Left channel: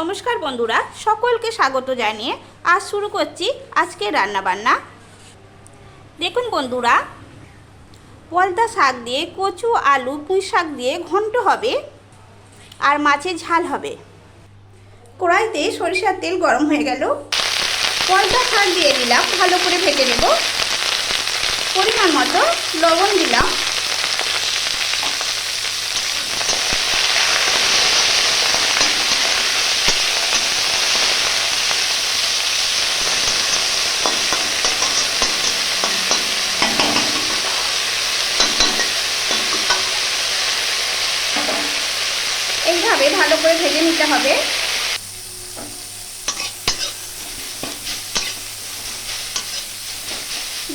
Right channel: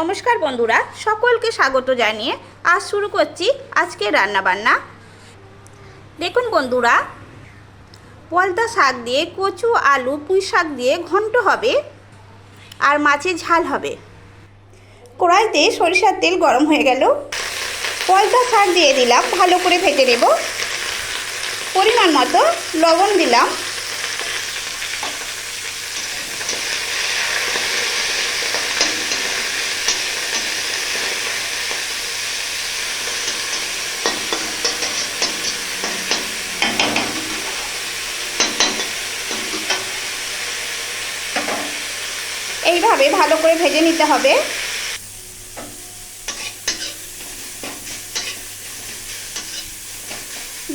নমস্কার বন্ধুরা, সকলকে স্বাগত জানিয়ে আজ শুরু করছি আজকে রান্নাবান্না। দেখুন বন্ধুরা, পলতা শাক দিয়ে কচু আলু পুঁই শাক দিয়ে ঘন্ট হবে আর মাছের ঝাল হবে। কড়াইতে সরিষার তেল গরম হয়ে গেল, পলতা শাক দিয়ে দিলাম, ভালো করে ভেজে নেব। পরিমাণ মতো লবণ দিলাম। এইভাবে ভালো করে ভেজে নিতে হবে।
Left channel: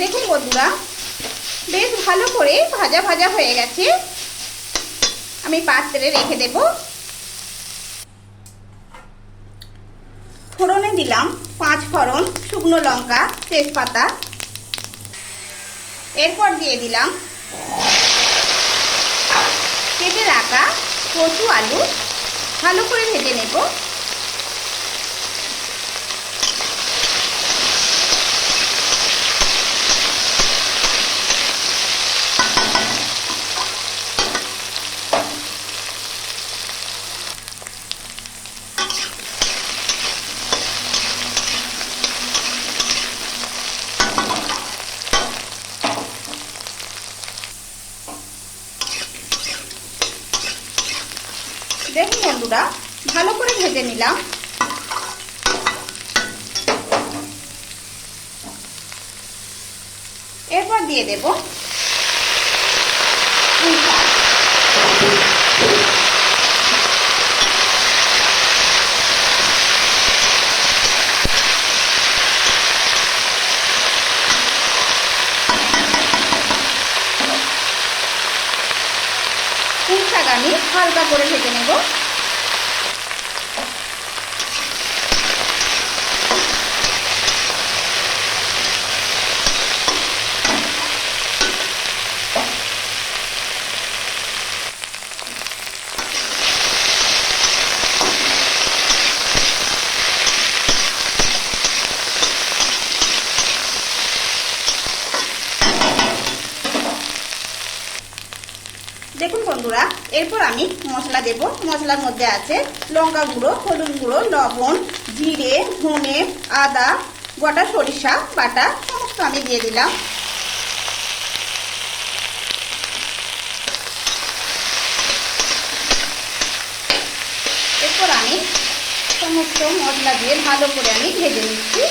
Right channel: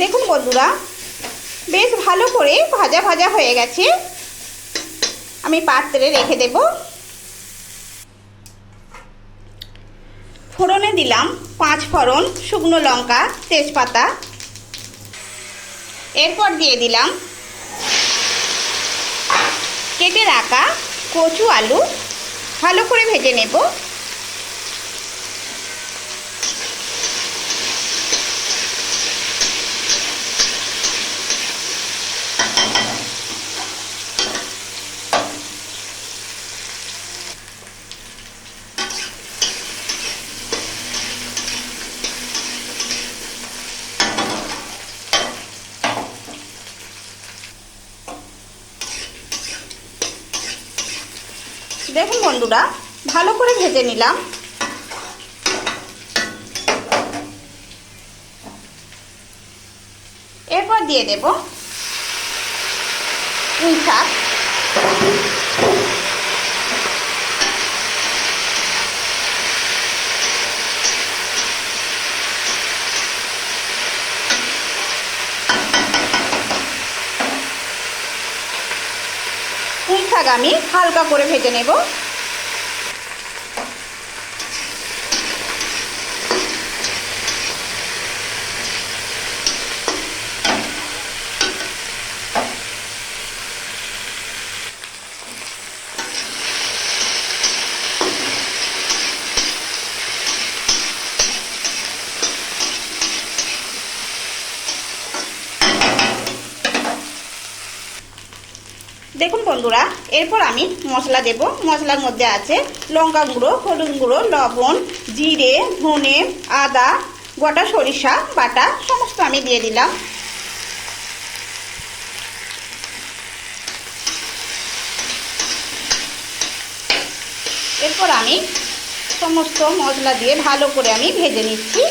দেখুন বন্ধুরা, বেশ ভালো করে ভাজা ভাজা হয়ে গেছে। আমি পাত্রে রেখে দেব। ফোড়নে দিলাম 5 ফোড়ন, শুকনো লঙ্কা, তেজপাতা। এরপর দিয়ে দিলাম কেটে রাখা কচু আলু, ভালো করে ভেজে নেব। দেখুন বন্ধুরা, ভালো করে ভেজে নিলাম। এরপর দিয়ে দেব পুঁই শাক। পুঁই শাক আমি হালকা করে ভেজে নেব। দেখুন বন্ধুরা, এরপর আমি মশলা দেব। মশলার মধ্যে আছে লঙ্কা গুঁড়ো, হলুদ গুঁড়ো, লবণ, জিরে, ধনে, আদা, গোটা সরিষা বাটা সমস্ত আমি দিয়ে দিলাম। এরপর আমি সমস্ত মশলা দিয়ে ভালো করে আমি ভেজে নিচ্ছি।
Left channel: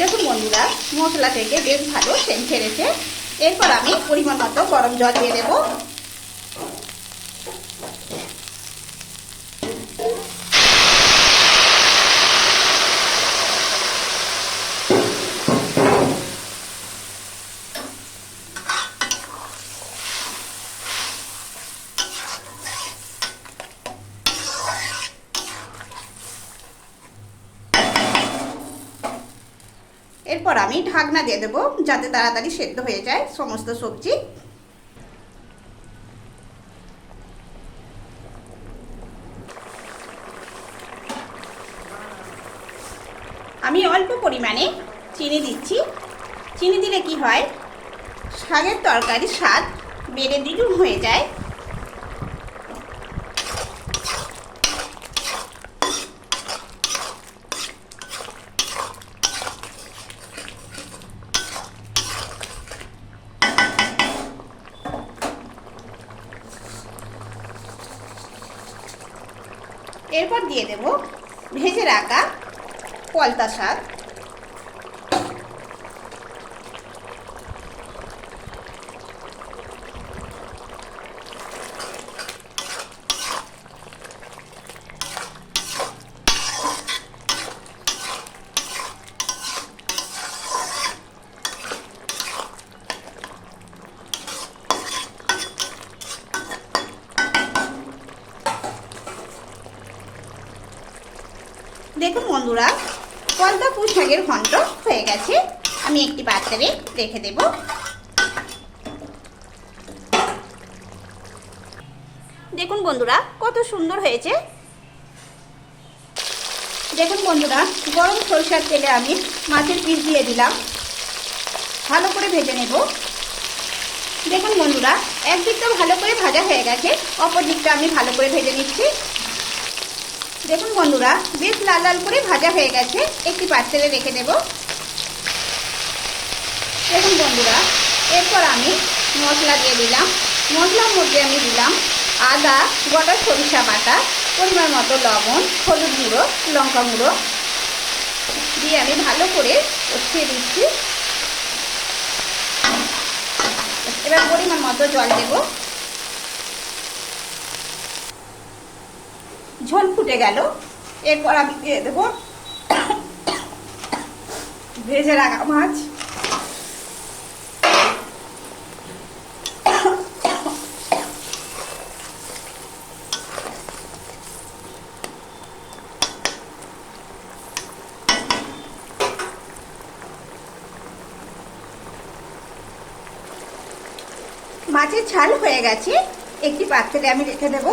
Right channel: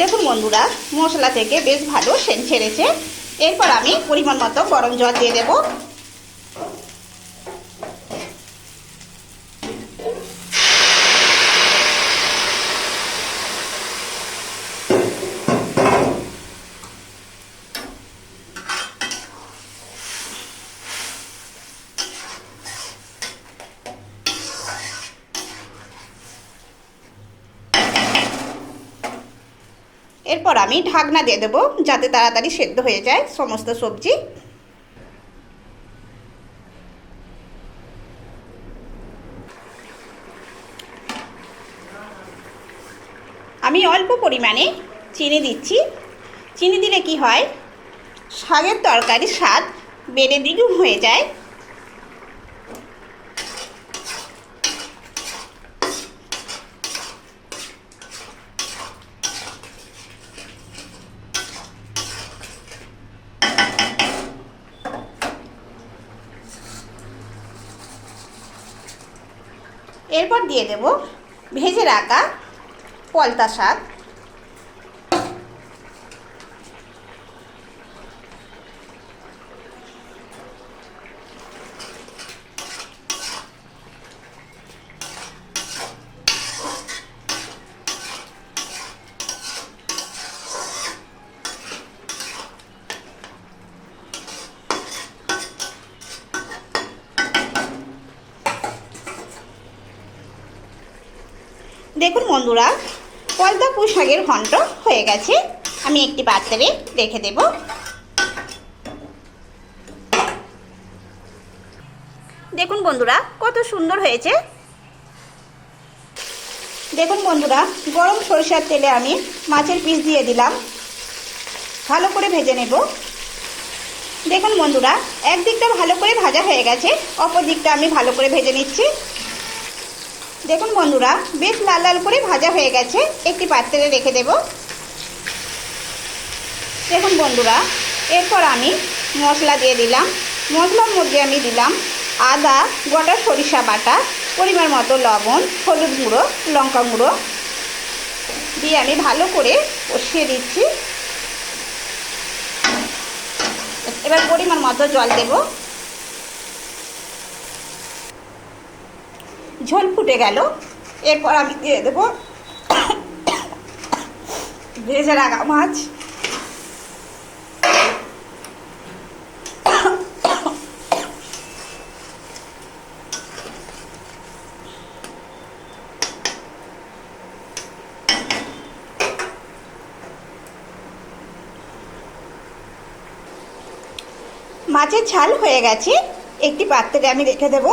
দেখুন বন্ধুরা, মশলা থেকে বেশ ভালো সেন্ট ছেড়েছে। এরপর আমি পরিমাণ মতো গরম জল দিয়ে দেব। এরপর আমি ঢাকনা দিয়ে দেবো, যাতে তাড়াতাড়ি সেদ্ধ হয়ে যায় সমস্ত সবজি। আমি অল্প পরিমাণে চিনি দিচ্ছি। চিনি দিলে কি হয়, শাকের তরকারির স্বাদ বেড়ে দ্বিগুণ হয়ে যায়। এরপর দিয়ে দেব ভেজে রাখা পলতা শাক। দেখুন বন্ধুরা, পলতা পুঁই শাকের ঘন্ট হয়ে গেছে। আমি একটি পাত্রে রেখে দেব। দেখুন বন্ধুরা, কত সুন্দর হয়েছে। দেখুন বন্ধুরা, গরম সরিষার তেলে আমি মাছের পিস দিয়ে দিলাম, ভালো করে ভেজে নেব। দেখুন বন্ধুরা, একদিকটা ভালো করে ভাজা হয়ে গেছে, অপর দিকটা আমি ভালো করে ভেজে নিচ্ছি। দেখুন বন্ধুরা, বেশ লাল লাল করে ভাজা হয়ে গেছে, একটি পাত্রে রেখে দেব। দেখুন বন্ধুরা, এরপর আমি মশলা দিয়ে দিলাম। মশলার মধ্যে আমি দিলাম আদা, গোটা সরিষা বাটা, পরিমাণ মতো লবণ, হলুদ গুঁড়ো, লঙ্কা গুঁড়ো দিয়ে আমি ভালো করে কষিয়ে দিচ্ছি। এবার পরিমাণ মতো জল দেব। ঝোল ফুটে গেল, এরপর আমি দিয়ে দেবো ভেজে রাখা মাছ। মাছের ঝাল হয়ে গেছে, একটি পাত্রে আমি রেখে দেব।